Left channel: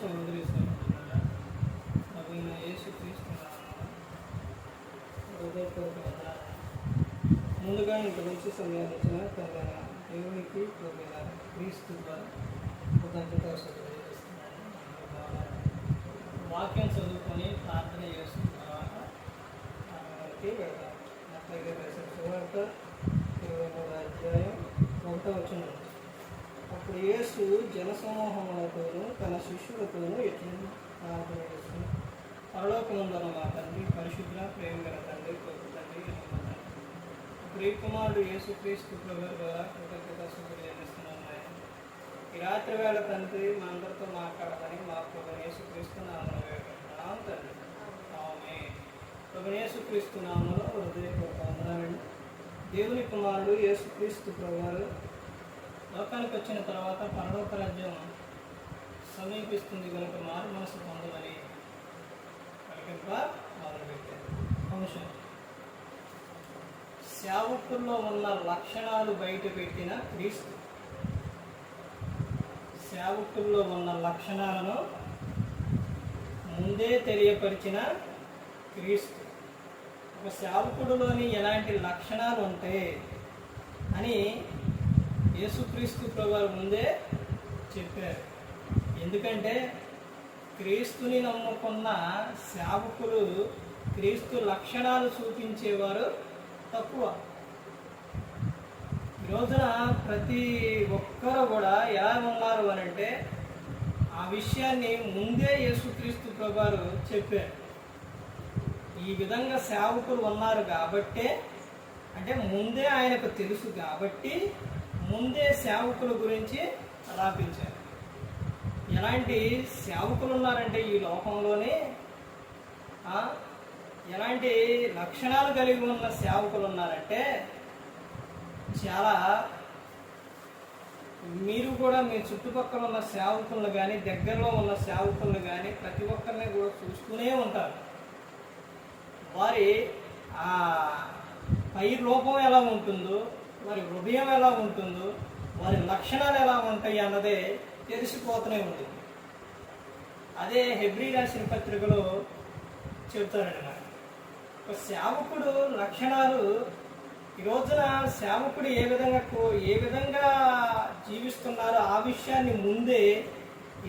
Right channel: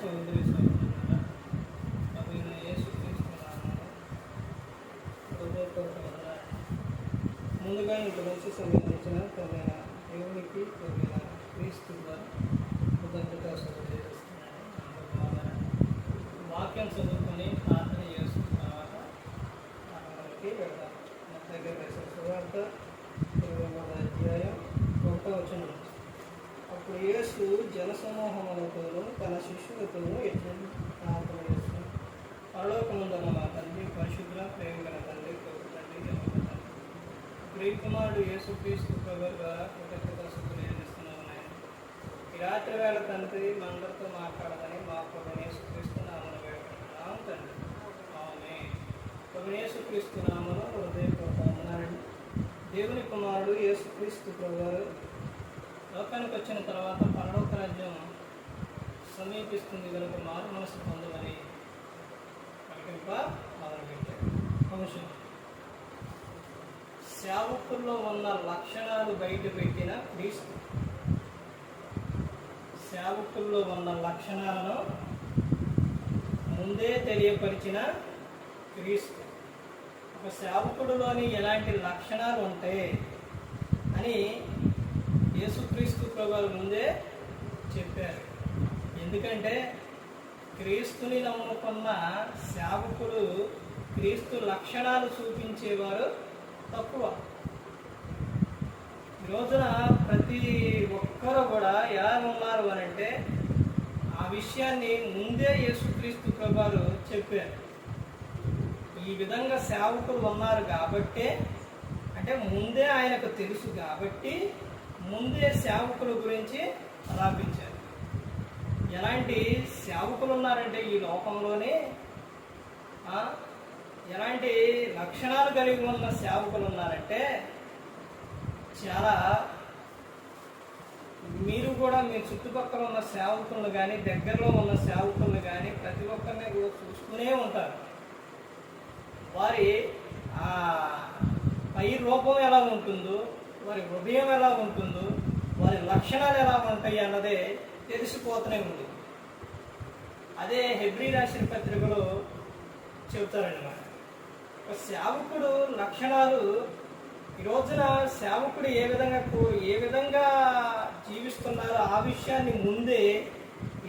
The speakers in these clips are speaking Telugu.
సహోదరి సహోదరులారా, ప్రభువైన యేసుక్రీస్తు నామమున హృదయపూర్వక వందనాలు. ముందుగా ఇంత మంచి సమయాన్ని ఇచ్చిన తండ్రైన దేవునికి ప్రభువైన క్రీస్తు ద్వారా కృతజ్ఞతాస్తుతులు చేస్తున్నాను. వాక్యం చదువుకొని ప్రార్థన చేస్తున్న తర్వాత మనకి వెళ్దాం. మత్తయి గారు రాసిన సువార్త 23వ అధ్యాయం 1వ వచనం. అప్పుడు యేసు జనసమూహములతోనూ తన శిష్యులతోనూ ఎట్లా ప్రార్థన పరలోకముందున్న మా తండ్రి, పరిశుద్ధ ప్రేమ గల తండ్రి, గొప్ప తండ్రి, గొప్ప తండ్రి, ప్రియకుమారుడు యేసుక్రీస్తు ప్రభువు ద్వారా కృతజ్ఞతాస్తుతులు చెల్లిస్తున్నాము. ఆయన ఈ రాత్రి వేళ తండ్రి మా అందరితో మాట్లాడమని మా ప్రభు యేసుక్రీస్తు నామమున వేడుకుంటున్నాం తండ్రి. ఆమేన్. ప్రభు యేసుక్రీస్తు నామములో హృదయపూర్వక వందనాలండి. దేవుని కుమారుడు యేసుక్రీస్తు ప్రభువారు లోకానికి వచ్చిన తర్వాత పరలోక రాజ్యం సమీపిస్తుంది కనుక మారు మనసు పొందమని ప్రకటింప మొదలుపెట్టారు. అంశం సేవకుల్లో ఉన్న లక్షణాలు బయటపెట్టిన క్రీస్తు. సేవకుల్లో ఉన్న లక్షణాలను ముందే తెలియపరిచిన క్రీస్తు. ఒక సేవకుడిలోని ఎలాంటి లక్షణాలు ఉంటాయి అని యేసుక్రీస్తు ప్రభువు ముందే చెప్పారు. ఎందుకంటే క్రీస్తుని నమ్ముకున్న సేవకులు క్రీస్తు లక్షణాలు చూపించేవారు తక్కువ. ఈ రోజున ప్రతి ఒక్కరు కూడా ఎలా ఉన్నారు అనంటే ఆ విషయాన్ని ముందే యేసుక్రీస్తు ప్రభువు చెప్పారు. ఈ విధంగా సేవకులు ఉన్నారు కాబట్టే, అంటే ముందే ఆయనకు తెలుసు కాబట్టి ముందే సేవకుల గురించి రాపించారు. ఎలాంటి సేవకులు ఉన్నారంటే ఈ లోకంలోనే ఎలాంటి లక్షణాలు కలిగి ఉన్న సేవకులు ఉన్నారంటే చాలా. మీరు కూడా మీ చుట్టుపక్కల ఉన్న సేవకులను కానీ దగ్గరలో ఉన్న సేవకులను కానీ ప్రతి ఒక్కరిని కూడా చూస్తూనే ఉంటారు. వారి పై రూపం ఎలా ఉంటుందో, వారి హృదయం ఎలా ఉంటుందో, వారి లక్షణాలు ఎలా ఉంటాయి అన్నదే తెలిసిపోతూనే ఉంటుంది. అదే హెబ్రీ రాసిన పత్రికలో చెబుతారండి. నాకు ఒక సేవకుడు లక్షణాలు ఈ రోజున సేవకుడు ఏ విధంగా జీవిస్తున్నారో ఆ విషయాన్ని ముందే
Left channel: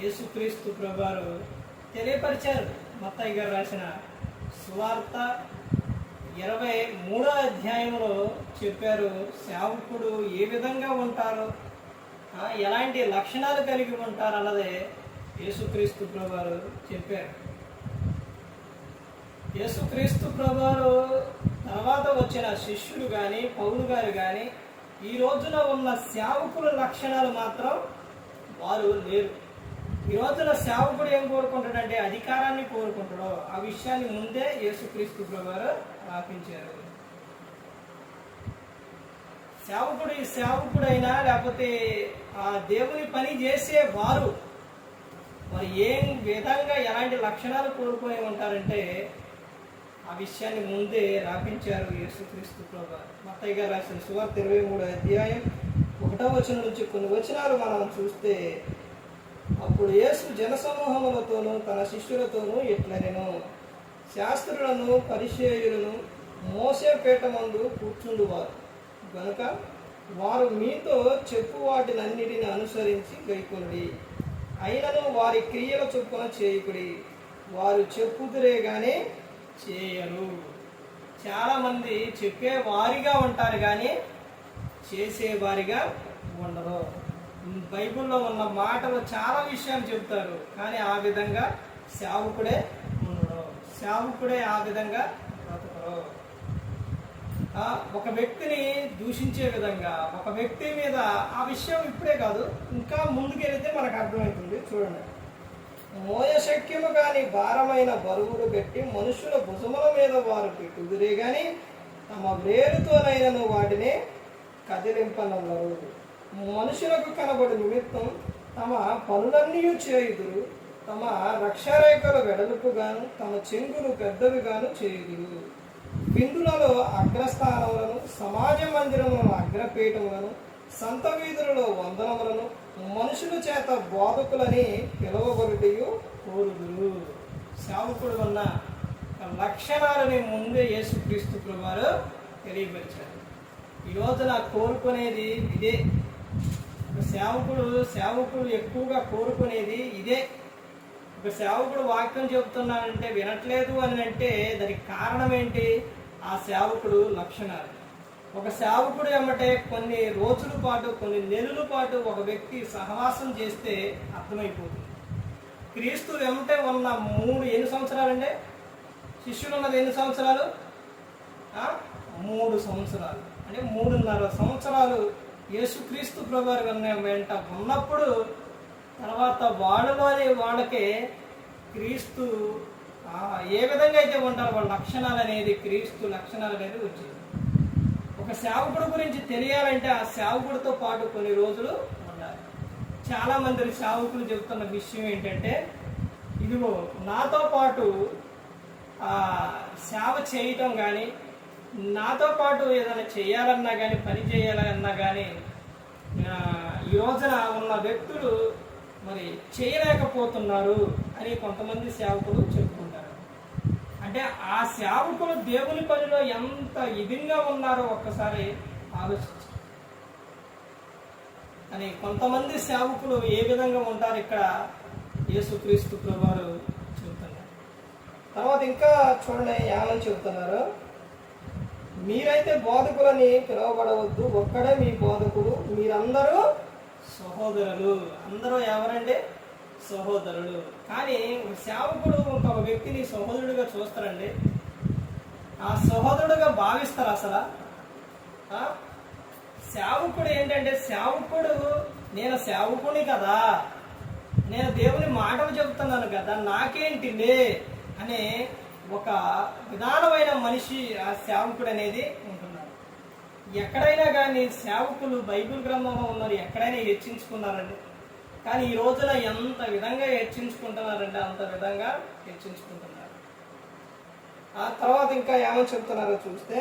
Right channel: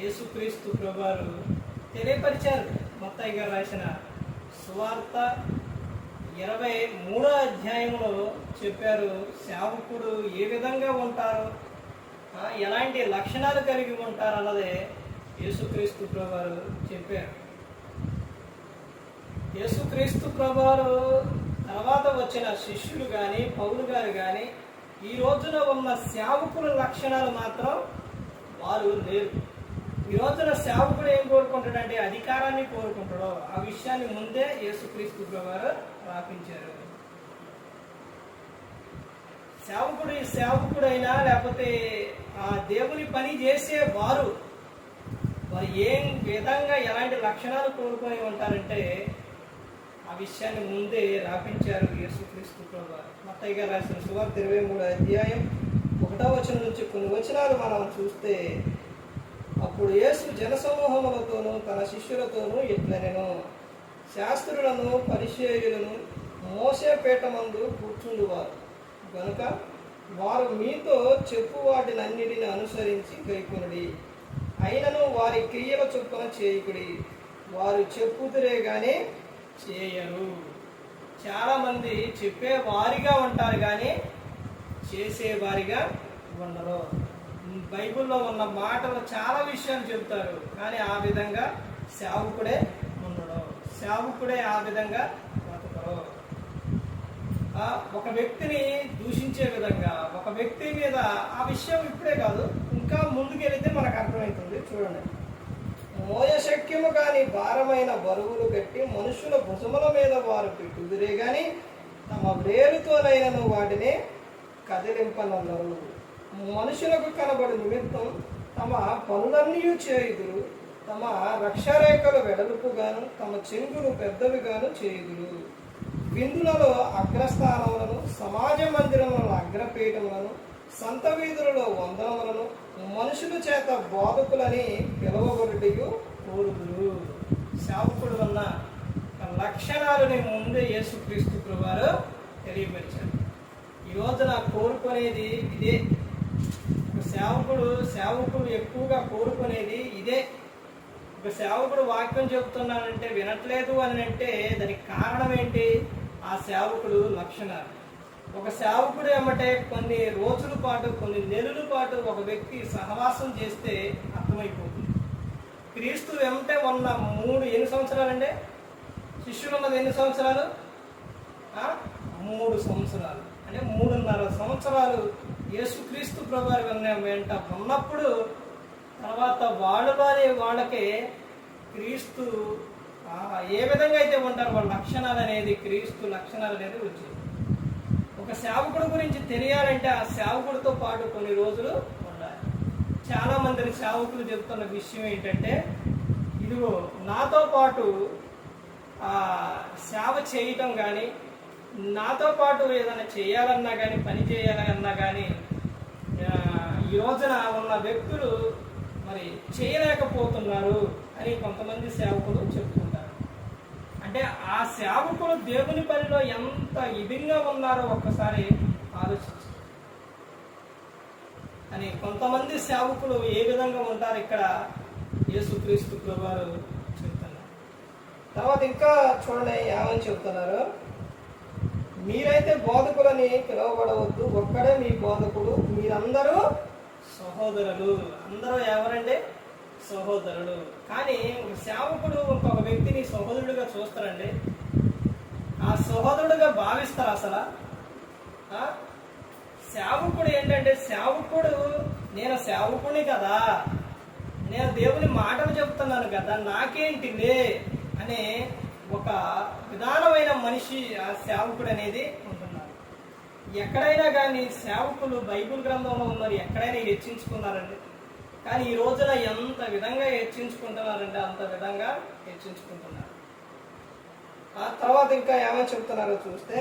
యేసుక్రీస్తు ప్రభువారు తెలియపరిచారు. మత్తయి గారు రాసిన సువార్త 23వ అధ్యాయంలో చెప్పారు. సేవకుడు ఏ విధంగా ఉంటారో, ఎలాంటి లక్షణాలు కలిగి ఉంటారు అన్నదే యేసుక్రీస్తు ప్రభువారు చెప్పారు. యేసుక్రీస్తు ప్రభువారు తర్వాత వచ్చిన శిష్యులు కానీ పౌలు గారు కానీ ఈ రోజున ఉన్న సేవకుల లక్షణాలు మాత్రం వారు లేరు. ఈ రోజున సేవకుడు ఏం కోరుకుంటాడంటే అధికారాన్ని కోరుకుంటాడో ఆ విషయాన్ని ముందే యేసుక్రీస్తు ప్రభువారు రాపించారు. సేవకుడైనా లేకపోతే ఆ దేవుని పని చేసే వారు ఏం విధంగా ఎలాంటి లక్షణాలు కోరుకొని ఉంటారంటే ఆ విషయాన్ని ముందే రాపించారు యేసుక్రీస్తు ప్రభువారు. మత్తయి గారు రాసిన సువార్త 23వ అధ్యాయం 1వ వచనం నుంచి కొన్ని వచనాలు మనం చూస్తే, అప్పుడు యేసు జనసమూహములతోనూ తన శిష్యులతోనూ ఇట్లనెను, శాస్త్రులను పరిసయ్యులను మోసే పీఠమందు కూర్చుండువారు గనుక వారు మీతో చెప్పు వాటినన్నిటిని అనుసరించి గైకొనుడి. అయినను వారి క్రియల చొప్పున చేయకుడి, వారు చెప్పుదురే గాని చేయరు. చాలామంది చెప్పేవారిగా ఉంటారు కానీ చేసేవారిగా ఉండరు. బైబిల్లో ఉన్న మాటలు చాలా విషయాలు చెబుతారు కానీ ఆ విధంగా సేవకుడే ఉండడు. సేవకుడే ఆ విధంగా బ్రతకరు. ఒక వ్యక్తిని దూషించే విధంగా, ఒక వ్యక్తి మీద ఆ విషయం ఇప్పుడే కాదు ఇంకా ముందుకెళ్తే మనకు అర్థమవుతుంది. చూడండి, మోయశక్యము కాని భారమైన బరువులు పెట్టి మనుషుల భుజముల మీద వారు పెట్టుదురే గాని తమ వేరుతోనైనను వాటిని కదిలింపనల్లరు. మనుషులకు కనబడు నిమిత్తం తమ పనులన్నీ చేయుదురు, తమ రక్షరేఖలు వెడల్పుగాను తమ చెంగులు పెద్దవిగాను చేయుదురు. విందులలో అగ్రస్థానములను, సమాజ మందిరములను అగ్రపీఠములను, సంత వీధులలో వందనములను మనుషుల చేత బోధకులని పిలువబడుటయు కోరుదురు. సేవకుడు ఉన్న లక్షణాలని ముందే యేసుక్రీస్తు ప్రభువారు తెలియపరిచారు. ఈరోజు నా కోరుకునేది ఇదే. ఒక సేవకుడు ఎక్కువగా కోరుకునేది ఇదే. ఒక సేవకుడు వాక్యం చెబుతున్నానంటే వినట్లేదు అని అంటే దానికి కారణం ఏంటి? ఆ సేవకుడు లక్షణాలు. ఒక సేవకుడు ఏమంటే కొన్ని రోజుల పాటు, కొన్ని నెలల పాటు ఒక వ్యక్తి సహవాసం చేస్తే అర్థమైపోతుంది. క్రీస్తు వెంటే ఉన్న ఎన్ని సంవత్సరాలంటే శిష్యులు ఉన్నది ఎన్ని సంవత్సరాలు? 3 సంవత్సరాలు. అంటే 3.5 సంవత్సరాలు యేసుక్రీస్తు ప్రభువారి వెంట ఉన్నప్పుడు తర్వాత వాళ్ళకే క్రీస్తు ఏ విధంగా అయితే ఉంటారో వాళ్ళ లక్షణాలు అనేది, క్రీస్తు లక్షణాలు అనేది వచ్చేది. ఒక సేవకుడు గురించి తెలియాలంటే ఆ సేవకుడితో పాటు కొన్ని రోజులు ఉండాలి. చాలా మంది సేవకులు చెబుతున్న విషయం ఏంటంటే, ఇదిగో నాతో పాటు సేవ చేయటం కానీ, నాతో పాటు ఏదైనా చేయాలన్నా కానీ, పని చేయాలన్నా కానీ ఈ రోజున ఉన్న వ్యక్తులు మరి చేయలేకపోతున్నారు అని కొంతమంది సేవకులు చెప్పుకుంటారు. అంటే ఆ సేవకులు దేవుని పనిలో ఎంత ఇదిగా ఉన్నారో ఒక్కసారి ఆలోచించు అని కొంతమంది సేవకులు ఏ విధంగా ఉంటారు ఇక్కడ యేసుక్రీస్తు ప్రభువారు చెబుతున్నారు. తర్వాత ఇంకా చూడండి ఏమని చెబుతున్నారు. మీరైతే బోధకులని పిలువబడవద్దు, ఒక్కడే మీ బోధకుడు, మీరందరూ సహోదరులు. అందరూ ఎవరండి? సహోదరుడు. కానీ ఒక సేవకుడు ఇంకొక వ్యక్తిని సహోదరుడిగా చూస్తారండి. ఆ సహోదరుడుగా భావిస్తారు అసలు. సేవకుడు ఏంటంటే, నేను సేవకుని కదా, నేను దేవుని మాటలు చెబుతున్నాను కదా, నాకేంటిలే అనే ఒక విధానమైన మనిషి ఆ సేవకుడు అనేది ఉంటున్నారు. ఎక్కడైనా కానీ సేవకులు బైబిల్ గ్రంథంలో ఉన్నారు, ఎక్కడైనా హెచ్చించుకున్నారండి. కానీ ఈ రోజున ఎంత విధంగా హెచ్చించుకుంటున్నారంటే అంత విధంగా హెచ్చించుకుంటున్నారు. ఆ తర్వాత ఇంకా ఏమని చెప్తున్నారో చూస్తే,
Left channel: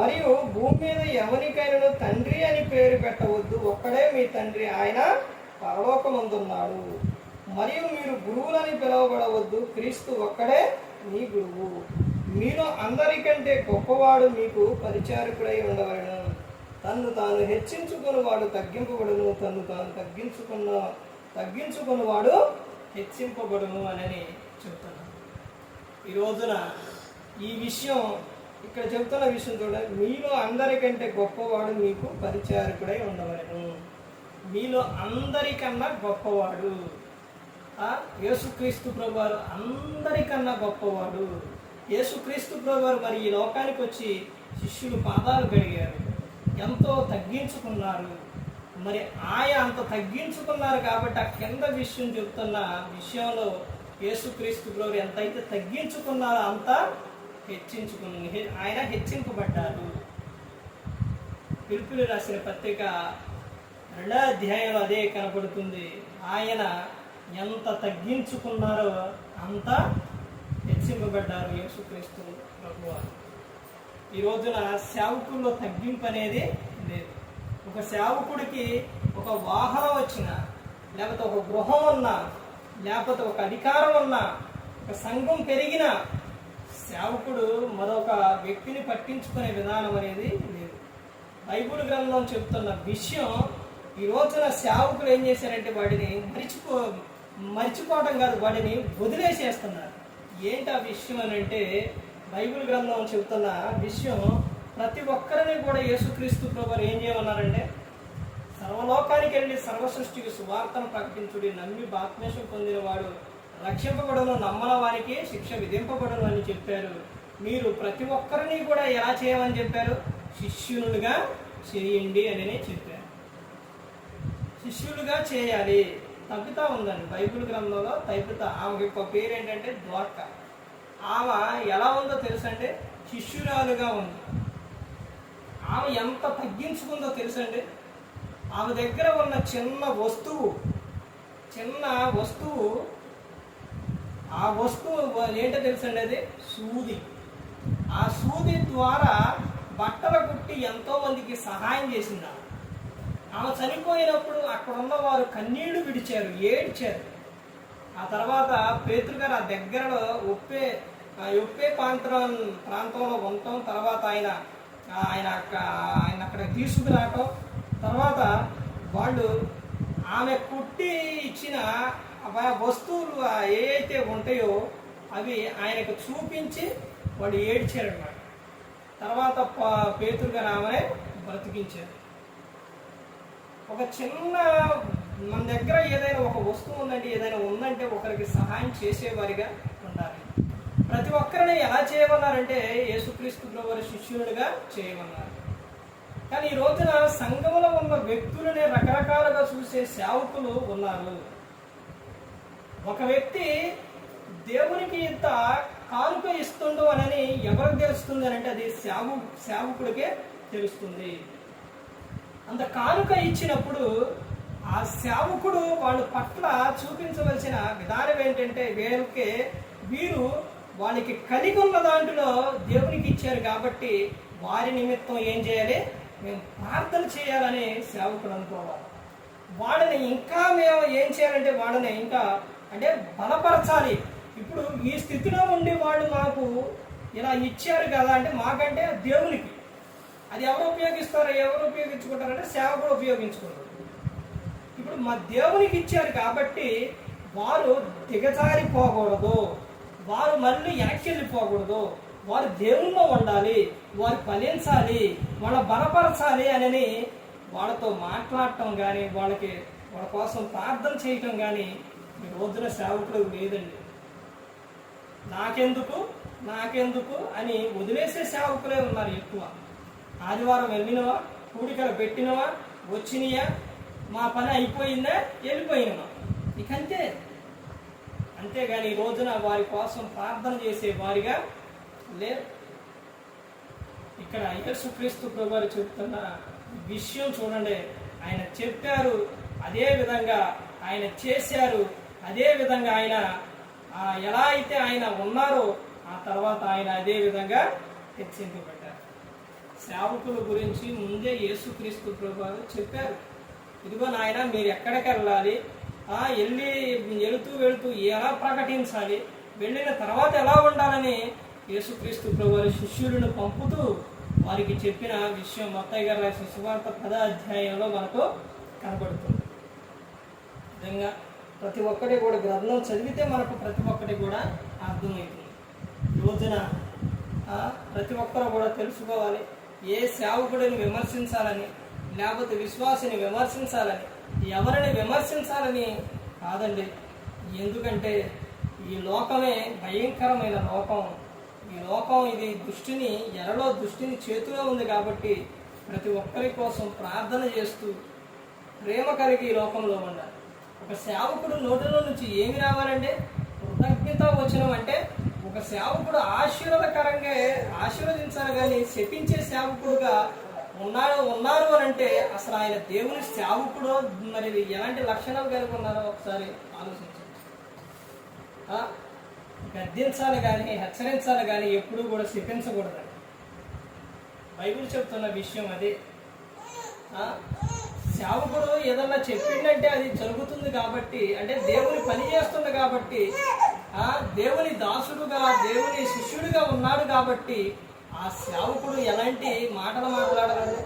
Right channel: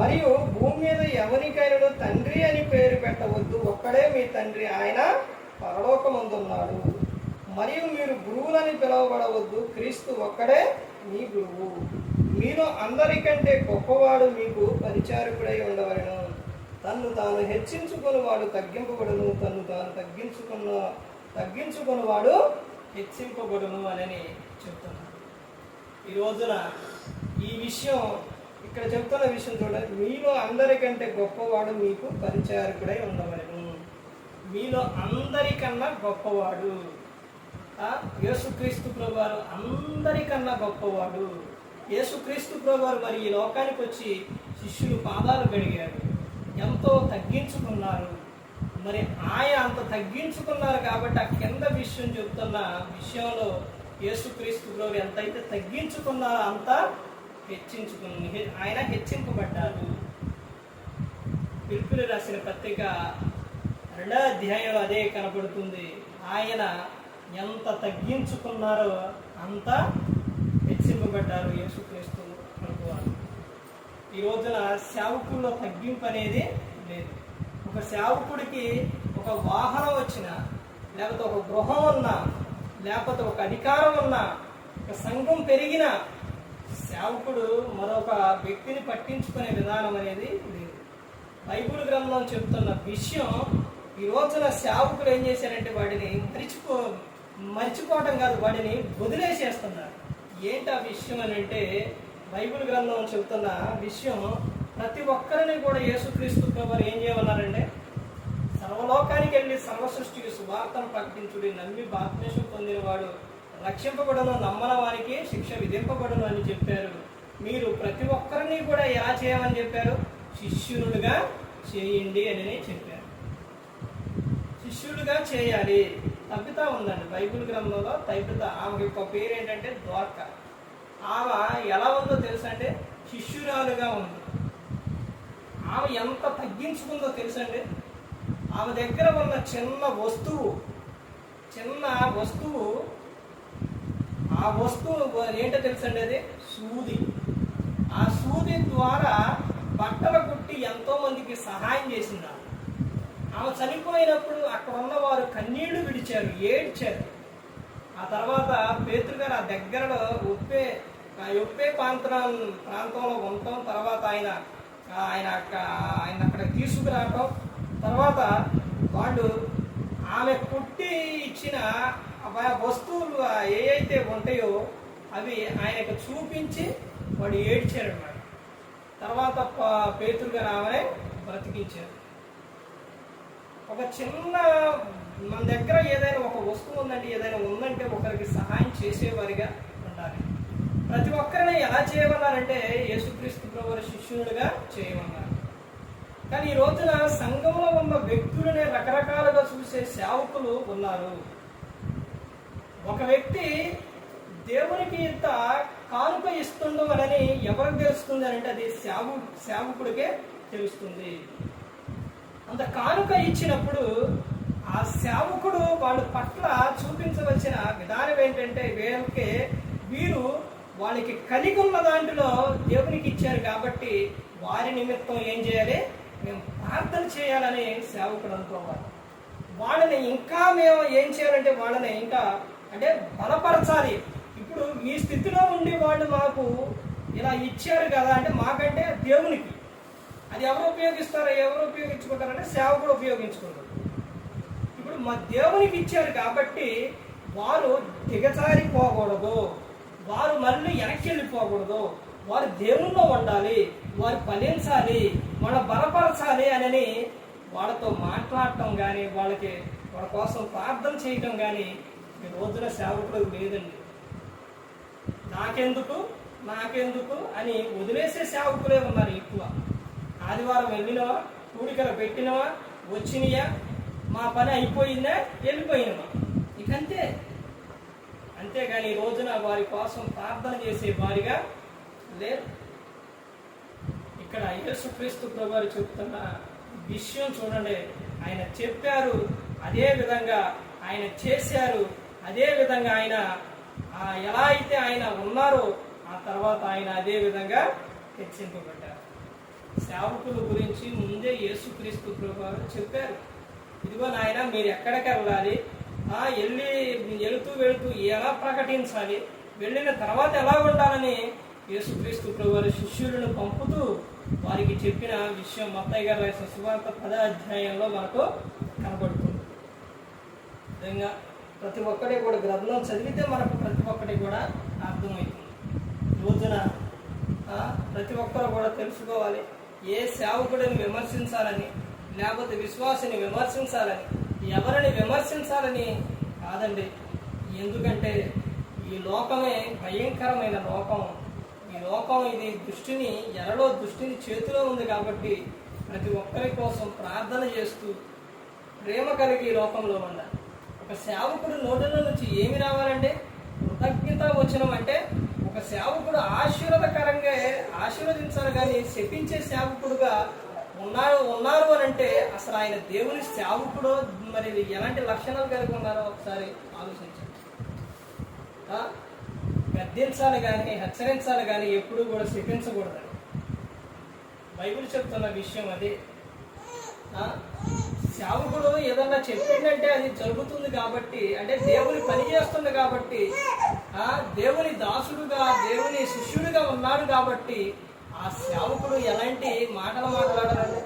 మరియు భూమి మీద ఎవరికైనా తండ్రి అని పేరు పెట్టవద్దు, ఒక్కడే మీ తండ్రి, ఆయన పరలోకమందున్నాడు. మరియు మీరు గురువులని పిలువబడవద్దు, క్రీస్తు ఒక్కడే మీ గురువు. మీలో అందరికంటే గొప్పవాడు మీకు పరిచారకుడై ఉండవలెను. తన్ను తాను హెచ్చించుకుని వాడు తగ్గింపబడును, తన్ను తాను తగ్గించుకుని వాడు హెచ్చింపబడును అని చెప్తున్నాడు. ఈ రోజున ఈ విషయం ఇక్కడ చెప్తున్న విషయం చూడండి. మీలో అందరికంటే గొప్పవాడు మీకు పరిచారకుడై ఉండవలెను. మీలో అందరికన్నా గొప్పవాడు యేసుక్రీస్తు ప్రభువారు, అందరికన్నా గొప్పవాడు యేసుక్రీస్తు ప్రభువారు. మరి ఈ లోకానికి వచ్చి శిష్యులు పాదాలు కడిగారు, ఎంతో తగ్గించుకున్నారు. మరి ఆయన అంత తగ్గించుకున్నారు కాబట్టి ఆ కింద విషయం చెప్తున్న విషయంలో యేసుక్రీస్తు ప్రభువారు ఎంతైతే తగ్గించుకున్నారో అంత ఆయన హెచ్చింపబడ్డారు. పిలుపులు రాసిన పత్రిక 2వ అధ్యాయంలో అదే కనబడుతుంది. ఆయన ఎంత తగ్గించుకున్నారో అంత హెచ్చింపబడ్డారు యేసుక్రీస్తు ప్రభువారు. ఈ రోజున సేవకుల్లో తగ్గింపు అనేది లేదు. ఒక సేవకుడికి ఒక వాహనం వచ్చినా, లేకపోతే ఒక గృహం ఉన్నా, లేకపోతే ఒక అధికారం ఉన్నా, ఒక సంఘం పెరిగినా సేవకుడు మరొక వ్యక్తిని పట్టించుకునే విధానం అనేది లేదు. బైబిల్ గ్రంథం చెబుతున్న విషయం ఈ రోజున సేవకులు ఏం చేశారంటే వాటిని మర్చిపోవటం కాదు, వాటిని వదిలేసేస్తున్నారు. ఏంటి ఆ విషయం అని అంటే, బైబిల్ గ్రంథం చెబుతున్న విషయం ప్రతి ఒక్కరిని కూడా యేసుక్రీస్తు ప్రభువారు ఏం చేయమన్నారంటే, సర్వలోకానికి వెళ్ళి సర్వ సృష్టికి సువార్తను ప్రకటించుడి, నమ్మి బాప్తిస్మం పొందినవాడు రక్షింపబడును, నమ్మని వారికి శిక్ష విధింపబడును అని చెప్పారు. మీరు ప్రతి ఒక్కరిని కూడా ఎలా చేయమని చెప్పారు? శిష్యులుగా చేయండి అని చెప్పారు. శిష్యులుగా చేయాలి. తప్పిత ఉందండి బైబిల్ గ్రంథంలో. తప్పిత, ఆమెకి యొక్క పేరు ఏంటంటే ద్వారక. ఆమె ఎలా ఉందో తెలుసంటే శిష్యురాలుగా ఉంది. ఆమె ఎంత తగ్గించుకుందో తెలుసండి. ఆమె దగ్గర ఉన్న చిన్న వస్తువు ఆ వస్తువు ఏంటో తెలుసండి, అది సూది. ఆ సూది ద్వారా బట్టలు కుట్టి ఎంతో మందికి సహాయం చేసింది. ఆమె చనిపోయినప్పుడు అక్కడ ఉన్న వారు కన్నీళ్లు విడిచారు, ఏడ్చారు. ఆ తర్వాత పేతురు గారు ఆ దగ్గరలో ఒప్పే ప్రాంతంలో ఉండటం, తర్వాత ఆయన అక్కడ తీసుకురావటం, తర్వాత వాళ్ళు ఆమె కుట్టి ఇచ్చిన వస్తువులు ఏవైతే ఉంటాయో అవి ఆయనకు చూపించి వాడు ఏడ్చారనమాట. తర్వాత పేతురు గారు ఆమెనే బ్రతికించారు. ఒక చిన్న మన దగ్గర ఏదైనా ఒక వస్తువు ఉందంటే, ఏదైనా ఉందంటే ఒకరికి సహాయం చేసేవారిగా ఉండాలి. ప్రతి ఒక్కరిని ఎలా చేయమన్నారంటే యేసుక్రీస్తు ప్రభువు శిష్యులుగా చేయమన్నారు. కానీ ఈ రోజున సంఘంలో ఉన్న వ్యక్తులనే రకరకాలుగా చూసే సేవకులు ఉన్నారు. ఒక వ్యక్తి దేవునికి ఇంత కానుక ఇస్తుండో అని ఎవరికి తెలుస్తుంది అంటే అది సేవకుడికే తెలుస్తుంది. అంత కానుక ఇచ్చినప్పుడు ఆ సేవకుడు వాళ్ళ పట్ల చూపించవలసిన విధానం ఏంటంటే, వీరు వాళ్ళకి కలిగి ఉన్న దాంట్లో దేవునికి ఇచ్చారు కాబట్టి వారి నిమిత్తం ఏం చేయాలి, మేము ప్రార్థన చేయాలని సేవకుడు అనుకోవాలి. వాళ్ళని ఇంకా మేము ఏం చేయాలంటే వాళ్ళని ఇంకా అంటే బలపరచాలి. ఇప్పుడు ఈ స్థితిలో ఉండి వాళ్ళు మాకు ఇలా ఇచ్చారు కదా అంటే మాకంటే దేవునికి అది ఎవరు ఉపయోగించుకుంటారంటే సేవకుడు ఉపయోగించుకుంటారు. ఇప్పుడు మా దేవునికి ఇచ్చారు కాబట్టి వారు దిగజారిపోకూడదు, వారు మళ్ళీ వెనక్కి వెళ్ళిపోకూడదు, వారు దేవుల్లో ఉండాలి, వారు ఫలించాలి, వాళ్ళ బలపరచాలి అని వాళ్ళతో మాట్లాడటం కానీ వాళ్ళ కోసం ప్రార్థన చేయటం కానీ ఈ రోజున సేవకులకు లేదండి. నాకెందుకు అని వదిలేసే సేవకులే ఉన్నారు ఎక్కువ. ఆదివారం వెళ్ళినవా, కూడికలు పెట్టినవా, వచ్చినయా, మా పని అయిపోయిందా, వెళ్ళిపోయినమా, ఇకంతే. అంతేగాని ఈ రోజున వారి కోసం ప్రార్థన చేసే వారిగా లేరు. ఇక్కడ యేసుక్రీస్తు ప్రభువారు చెప్తున్న విషయం చూడండి. ఆయన చెప్పారు, అదే విధంగా ఆయన చేశారు, అదే విధంగా ఆయన ఎలా అయితే ఆయన ఉన్నారో ఆ తర్వాత ఆయన అదే విధంగా హెచ్చింపబడ్డారు. సేవకుల గురించి ముందే యేసుక్రీస్తు ప్రభువారు చెప్పారు. ఇదిగో నాయన, మీరు ఎక్కడికి వెళ్ళాలి, వెళుతూ ఎలా ప్రకటించాలి, వెళ్ళిన తర్వాత ఎలా ఉండాలని యేసుక్రీస్తు ప్రభువారు శిష్యులను పంపుతూ వారికి చెప్పిన విషయం మత్తయి గారు రాసిన సువార్త 10వ అధ్యాయంలో మనకు కనబడుతుంది. నిజంగా ప్రతి ఒక్కటి కూడా గ్రంథం చదివితే మనకు ప్రతి ఒక్కటి కూడా అర్థమవుతుంది. రోజున ప్రతి ఒక్కరు కూడా తెలుసుకోవాలి, ఏ సేవకుడిని విమర్శించాలని, లేకపోతే విశ్వాసిని విమర్శించాలని, ఎవరిని విమర్శించాలని కాదండి. ఎందుకంటే ఈ లోకమే భయంకరమైన లోకం. ఈ లోకం ఇది దుష్టిని చేతిలో ఉంది కాబట్టి ప్రతి ఒక్కరి కోసం ప్రార్థన చేస్తూ ప్రేమ కలిగి ఈ లోకంలో ఉండాలి. ఒక సేవకుడు నోటిలో నుంచి ఏమి రావాలంటే కృతజ్ఞత వచనం. అంటే ఒక సేవకుడు ఆశీర్వాదకరంగా ఆశీర్వదించాలి, కానీ శపించే సేవకుడుగా ఉన్నారు అని అంటే అసలు ఆయన దేవుని సేవకుడు మరి ఎలాంటి లక్షణాలు కలిగి ఉన్నారో ఒకసారి ఆలోచించండి. గద్దించాలి కానీ హెచ్చరించాలి కానీ ఎప్పుడూ కూడా శపించకూడదని బైబిల్ చెప్తున్న విషయం అది. సేవకుడు ఏదన్నా చెప్పిందంటే అది జరుగుతుంది కాబట్టి, అంటే దేవుని పని చేస్తుంది కాబట్టి, దేవుని దాసుడుగా దేవుని శిష్యుడిగా ఉన్నాడు కాబట్టి ఆ సేవకుడు ఎలాంటి మాటలు మాట్లాడాలంటే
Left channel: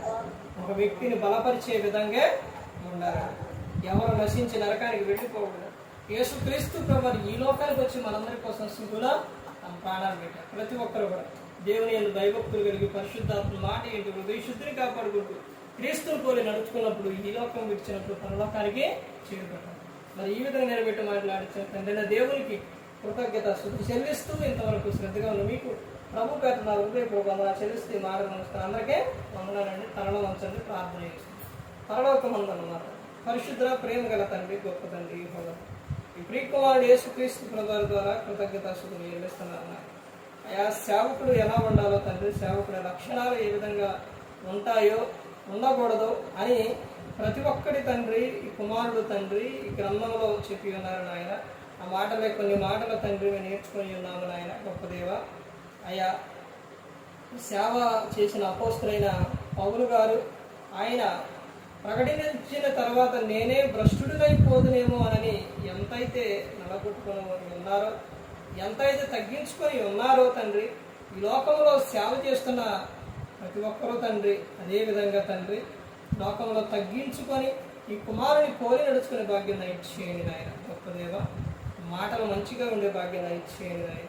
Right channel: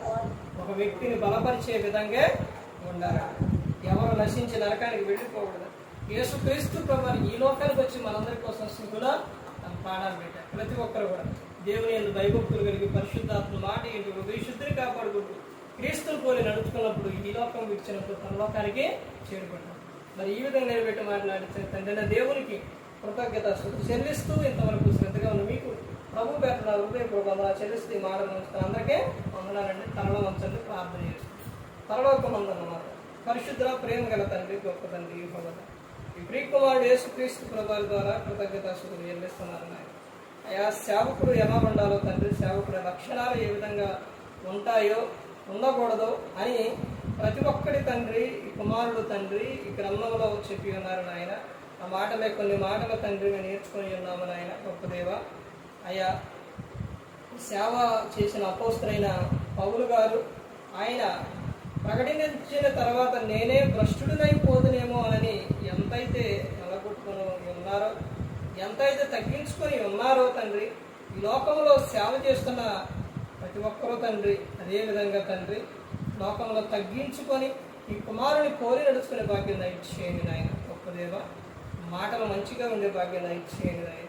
ఒక వ్యక్తిని బలపరిచే విధంగా ఉండాలి. ఎవరు నశించి నరకానికి వెళ్ళిపోకూడదు. యేసుక్రీస్తు ప్రభువు ఈ లోకానికి వచ్చి మనందరి కోసం సుఖులో తన ప్రాణాలు పెట్టారు. ప్రతి ఒక్కరు కూడా దేవుని యందు భయభక్తులు కలిగి పరిశుద్ధాత్మ మాట ఏంటి హృదయ శుద్ధిని కాపాడుకుంటూ క్రీస్తుని పోలి నడుచుకున్నప్పుడు ఈ లోకం విడిచినప్పుడు పరలోకానికి చేరుకుంటాం. మరి ఈ విధంగా నిలబెట్టి మాట్లాడించిన తండ్రి దేవునికి కృతజ్ఞత చెల్లిస్తూ ఇంతవరకు శ్రద్ధగా ఉన్న మీకు ప్రభు పేట నా హృదయపూర్వకంగా చెల్లిస్తూ ఈ మాట నమస్కారం. అందరికీ వందనాలండి. తనలో వంచండి, ప్రార్థన చేస్తుంది. పరలోక మందన్నమాట పరిశుద్ధ ప్రేమ గల తండ్రి, గొప్ప తండ్రి, ఈ ప్రియకుమారుడు యేసుక్రీస్తు ప్రభువారి ద్వారా కృతజ్ఞతాస్తుతులు చెల్లిస్తున్నారు. ఆయా సేవకుడు ఎలా ఉండాలో తండ్రి, సేవకుడి లక్షణాలు ఏ విధంగా ఉంటాయో ఉండకూడదు అని ప్రతి ఒక్కటి తండ్రి, ఈ కుమారుడు తండ్రి ఈ గ్రంథంలో చెప్పి ఉన్నారు నాయన. ఆ మాటలే కొన్ని మాటలు తండ్రి మేము నేర్చుకొని ఉన్నాము నాయన. గొప్ప దేవ, ఆయా సేవ చేసిన అపోస్తలైన పౌలు గారు ఆయన ప్రకటించిన తర్వాత నేనే భ్రష్టుడినైపోదునేమో అని ఎంతైతే నలగొట్టుకుని ఉన్నారో, ఎంతైతే తగ్గించుకొని ఉన్నారో తండ్రి, ఈ లోకంలో సేవ చేస్తున్న ప్రతి ఒక్కరూ తండ్రి అదేవిధంగా తండ్రి లోకంలో తగ్గించుకొని ఈ కుమారుని పోలి నడుచుకునే భాగ్యం దయచేయండి నాయన. గొప్ప దేవ, మాటలు మంచిగా ఉండే భాగ్యం దయచేయండి నాయన.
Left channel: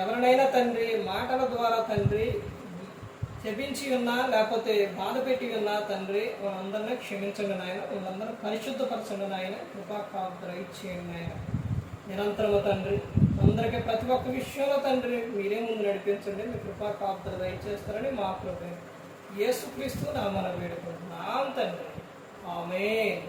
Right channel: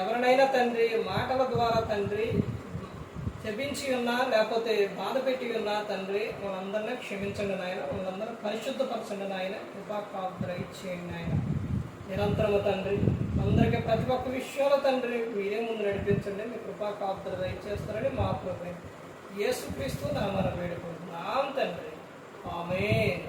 ఎవరినైనా తండ్రి మాటల ద్వారా తండ్రి శపించి ఉన్నా లేకపోతే బాధ పెట్టి ఉన్నా తండ్రి వాళ్ళందరినీ క్షమించండి నాయన. వాళ్ళందరూ పరిశుద్ధపరచండి నాయన. కృపాకాంతుర ఇచ్చేయండి నాయన. నిరంతరము తండ్రి అందరికీ ప్రతి ఒక్క విషయంలో తండ్రి మీరే ముందు నడిపించండి. మీ కృపాకాంతుర దయచేస్తారని మా ప్రభు యేసుక్రీస్తు నామమున వేడుకుంటున్నాం తండ్రి. ఆమేన్.